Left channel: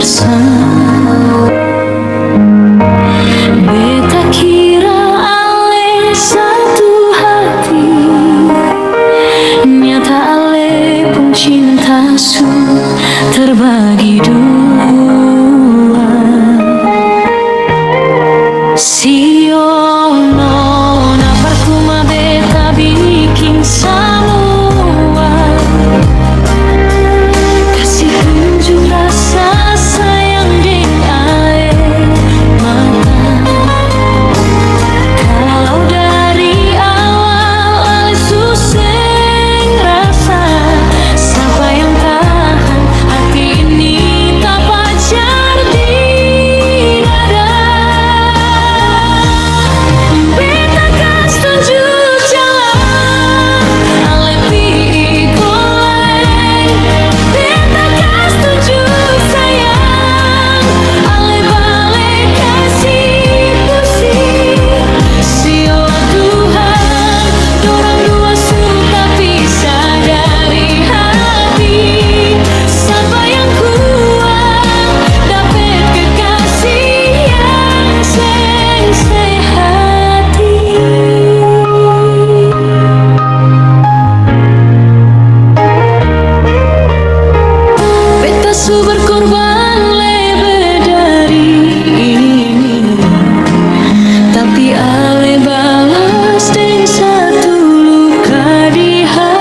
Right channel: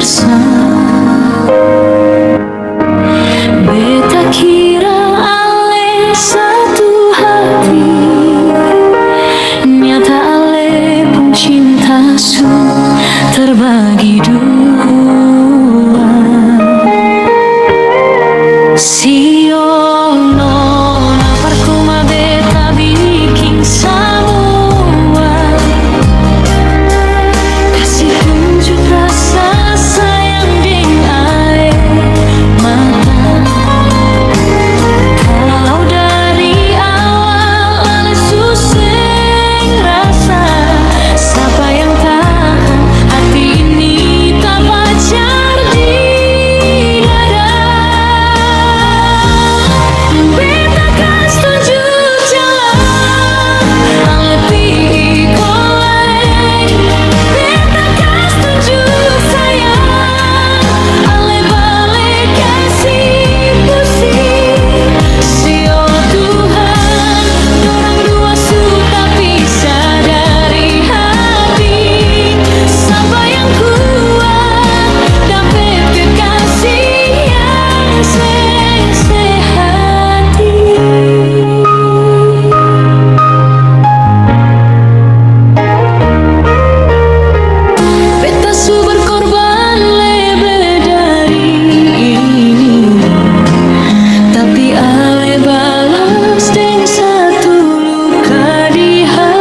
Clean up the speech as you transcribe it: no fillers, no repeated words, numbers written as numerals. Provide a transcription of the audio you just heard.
pirsa. Beta kira ale satu hati, nyata ale pun cinta su terbagi dua. Sio nona parkuma beta bikin semua, kasih tunjuk rasa sayang deng air mata. Kalau dari awal ale suseng rasa, siapa yang tahan hati ini tak pacar di dada. Beta kas tunjuk jalan, ale pi koleng. Beta kas tunjuk sayang, ale balik kasih pusing. Sio Tuhan, dorang dua su tapi sadari hati. Siapa yang kuat dapat kekasih yang sehati. Beta su berkorban lebih dari ini, tapi ale balas deng satu luka di hati.